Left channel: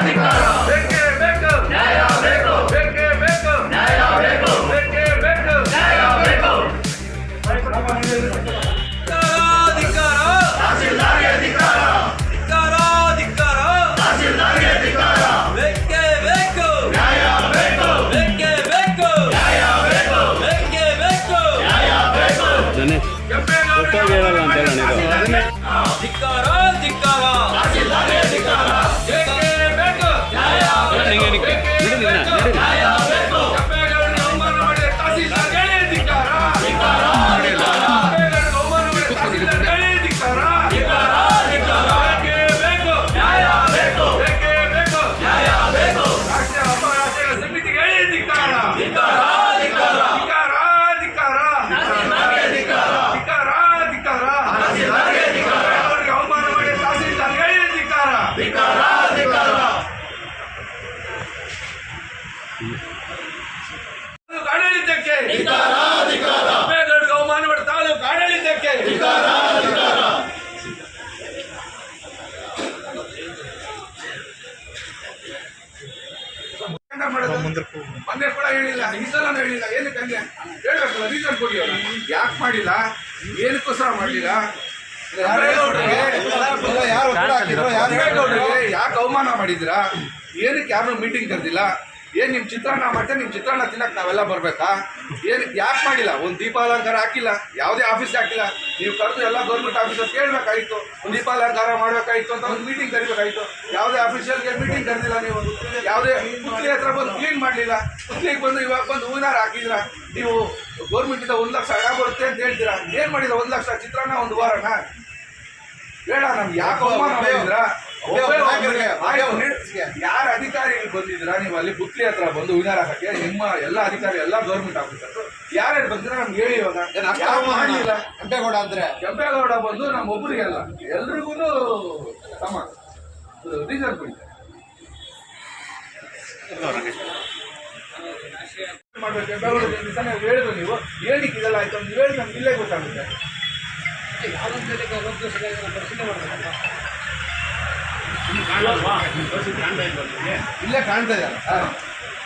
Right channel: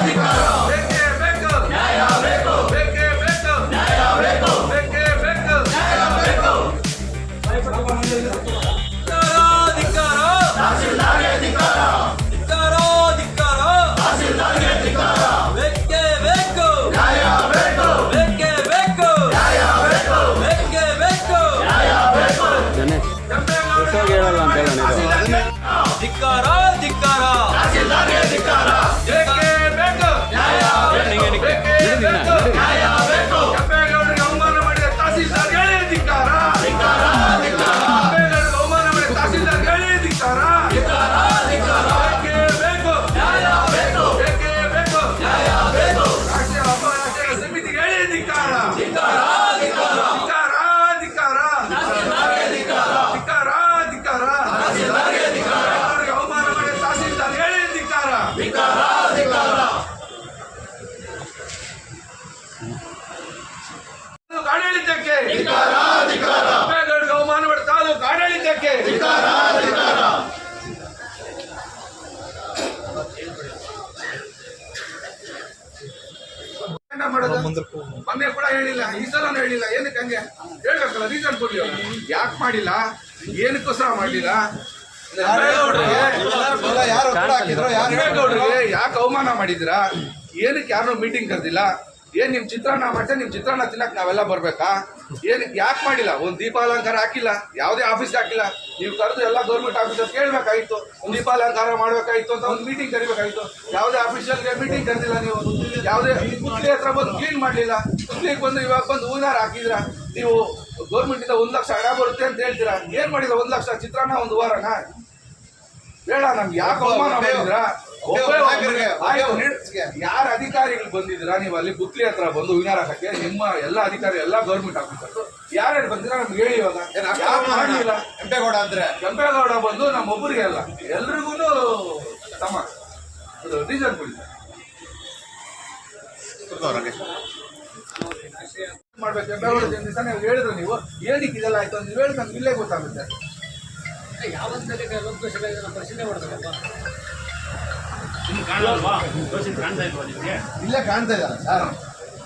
Happy birthday. ಮಾಡೋದು ಮೊನ್ನೆ ಕೂಡ ಹೇಳಿಲ್ಲ ಈ ಸಲನೂ ಹೇಳಿಲ್ಲ. ಏನಕ್ಕೆ ಹಂಗೆ? ಹೇಳ್ಬೇಕಲ್ಲ ರೀಸನ್ ಕೊಡಿ ಅವ್ರು. ಯಾಕೆ ಮಾಡಿಲ್ಲ? ಏನಕ್ಕೋಸ್ಕರ ಮಾಡಲಿಲ್ಲ? ಯಾರು ಯಾಕೆ ಅವಮಾನ ಮಾಡಿದಿರಾ ಏನಕ್ಕೆ ಯಾರನ್ನೂ ಮೀಟಿಂಗ್ ಕರೆದಿಲ್ಲ? ಏನ್ ನಿಮ್ಮ ಚಿತ್ರಾನ್ನ ಮಾಡ್ತಾರೆ? ನಿಮ್ಮ ಚಿತ್ರಾನ್ನ ತಿನ್ನಕ್ಕೆ ನಾವೆಲ್ಲ ಬರ್ಬೇಕಾ? ಏನು ಯಾಕೆ ಮಾಡಿಲ್ಲ? ಒಂದು ದೀಪಾಲಂಕಾರ ಹಾಕಿಲ್ಲ. ಯಾವುದೇ ಆಫೀಸ್ಗೆ ಹಾಕಿಲ್ಲ. ನೀವು ಕರೆದು ಎಲ್ಲ ಗೌರ್ಮೆಂಟ್ ಆಫೀಸರ್ ಕೇಳಬೇಕಾಯಿತು ಒಂದು ದೀಪಾಲಂಕಾರ ಮಾಡಬೇಕಾಯಿತು ಅಂತ ಒಂದು ಮೀಟಿಂಗ್ ಕರಿಬೇಕಾಯ್ತು. ಯಾವುದೇ ಆಫೀಸಿಯಲ್ಗೆ ಮೀಟಿಂಗ್ ಕರೆದಿಲ್ಲ ನೀವು. ಯಾವುದೇ ಪುತ್ಲಿ ಹತ್ರ ಬಂದು ಕ್ಲೀನ್ ಮಾಡಲಿಲ್ಲ. ಪುತ್ಲಿಗೆ ಬಂದು ಇವಾಗ ಬಂದು ಹೂವಿನಾರ ಹಾಕಿದ್ರ? ನೀವು ಗೌರ್ಮೆಂಟಿಂದ ಒಂದ್ ಲಕ್ಷ ಹಣ ಬರುತ್ತೆ ಅಂತ ಹೇಳ್ತೀರಾ? ಏನು ಮಾಡಿದ್ರ? ಒಂದು ಲಕ್ಷ ಚಿತ್ರಾನ್ನ ಒಂದು ವಾರನ? ಬೇಡ, ನಮ್ಗೆ ಯಾಕೆ ಅವಮಾನ ಮಾಡಿದ್ರ? ಯಾರ ಅಧಿಕಾರಿಗಳು ಬಂದಿದ್ರ ನೀವು ಅಲ್ಲಿ ಬುತ್ಲಿ ಹತ್ರ ಬಂದು ವಿನಾರ ಹಾಕಕ್ಕೆ ನಿಮ್ಮ ಎಲ್ಲ ಅಧಿಕಾರಿ ಎಲ್ಲ ಗೌರ್ಮೆಂಟ್ ಆಫೀಸರ್ ಯಾರ್ಯಾರು ಬಂದಿರ ನಮ್ಗೆ ಹೇಳಿ ಇವಾಗ? ಮಾಡಲಿಲ್ಲ ಕೆಂಪೇಗೌಡ ಅಂದ್ರೆ? ಕೆಂಪೇಗೌಡ ಬಂದು ನಮ್ಮ ಒಬ್ಬರಿಗೆ ಅಲ್ಲ ಎಲ್ರಿಗೂ ತಮ್ಮ. ರೀಸನ್ ಕೊಡಿ. ಮಾಡ್ಬೇಕು ಹೇಳಿದ್ರು ನೀವು. ಏನಕ್ಕೆ ಇದೆಲ್ಲ ಆಯ್ತು ಅಂತ ನೀವು ಹೇಳಿ ನಮ್ಗೆ ಇಲ್ಲೇ ಗೊತ್ತಾಗುತ್ತೆ. ಇಲ್ಲೇ ಕಾಣ್ತಾ ಇಲ್ಲ. ಸರ್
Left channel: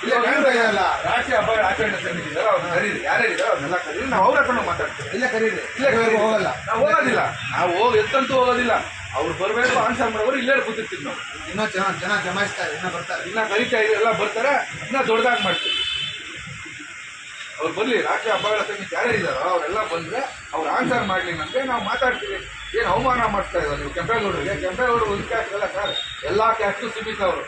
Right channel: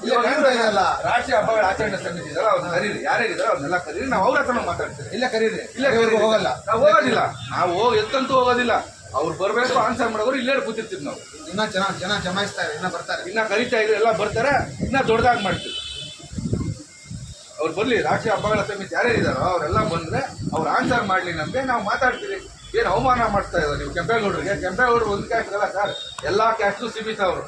ಇಲ್ಲೇ ಕಾಣ್ತಾ ಇದೆಯಲ್ಲ ರಾಶಿ ಹಬ್ಬಗಳ ಆಚರಣೆ ಸಮಿತಿ ಇದಾರೆ ಅವ್ರನ್ನ ಕರೀರಿ. ಯಾರ್ಯಾರಿದಾರೋ ಅವ್ರನ್ನೆಲ್ಲ ಕರೀರಿ. ನಾವು ಅವ್ರ ಹತ್ರ ಮಾತಾಡ್ತೀವಿ. ಇಲ್ಲೇ ಕರೀರಿ. ಇಲ್ಲೇ ಇಲ್ಲಿವರೆಗೂ ಹೋಗಲ್ಲ. ನಾವು ಹೋಗೋದಿಲ್ಲ. ನಾವು ಹೋಗಿ ಎತ್ತಂತೂ ಹೋಗೋದಿಲ್ಲ. ಅವ್ರು ಬರಬೇಕು ಆನ್ಸರ್ ಮಾಡೋರು ಇಲ್ಲೇ ಕೂತಿರ್ತೀವಿ ನಾವು. ಇನ್ನ ಚೆನ್ನಾಗಿ ಚೆನ್ನಾಗಿ ಜಮಾಯಿಸ್ತಾರೆ. ಇನ್ನ ಬರ್ತಾರೆ. ಇನ್ನ ಕರಿತಾ ಇದ್ರೆ ಎಲ್ಲ ಬರ್ತಾರೆ. ಇನ್ನ ದೊಡ್ಡದಾಗಿ ಮಾಡ್ತೀವಿ. ಅವ್ರು ಬರಲಿ, ರಾಷ್ಟ್ರೀಯ ಹಬ್ಬಗಳ ಸಮಿತಿ ಇದ್ದಾರೋ ಅವರೆಲ್ಲ ಬಂದ್ರೆ ಅವ್ರು ಆನ್ಸರ್ ಮಾಡಲಿ ನಮಗೆ, ನಾವು ಮಾತಾಡ್ತೀವಿ. ಏನು ಅವಮಾನ ಮಾಡ್ತಾ ಇದ್ದಾರೆ ನೀವು ಕೆಂಪೇಗೌಡರಿಗೆ? ಕೆಂಪೇಗೌಡರು ಒಂದು ಕ್ಯಾಸ್ಟ್ ಅಲ್ಲ ಸರ್ ಎಲ್ಲ ಕ್ಯಾಸ್ಟು ಸೀಮಿತ ಅವರು.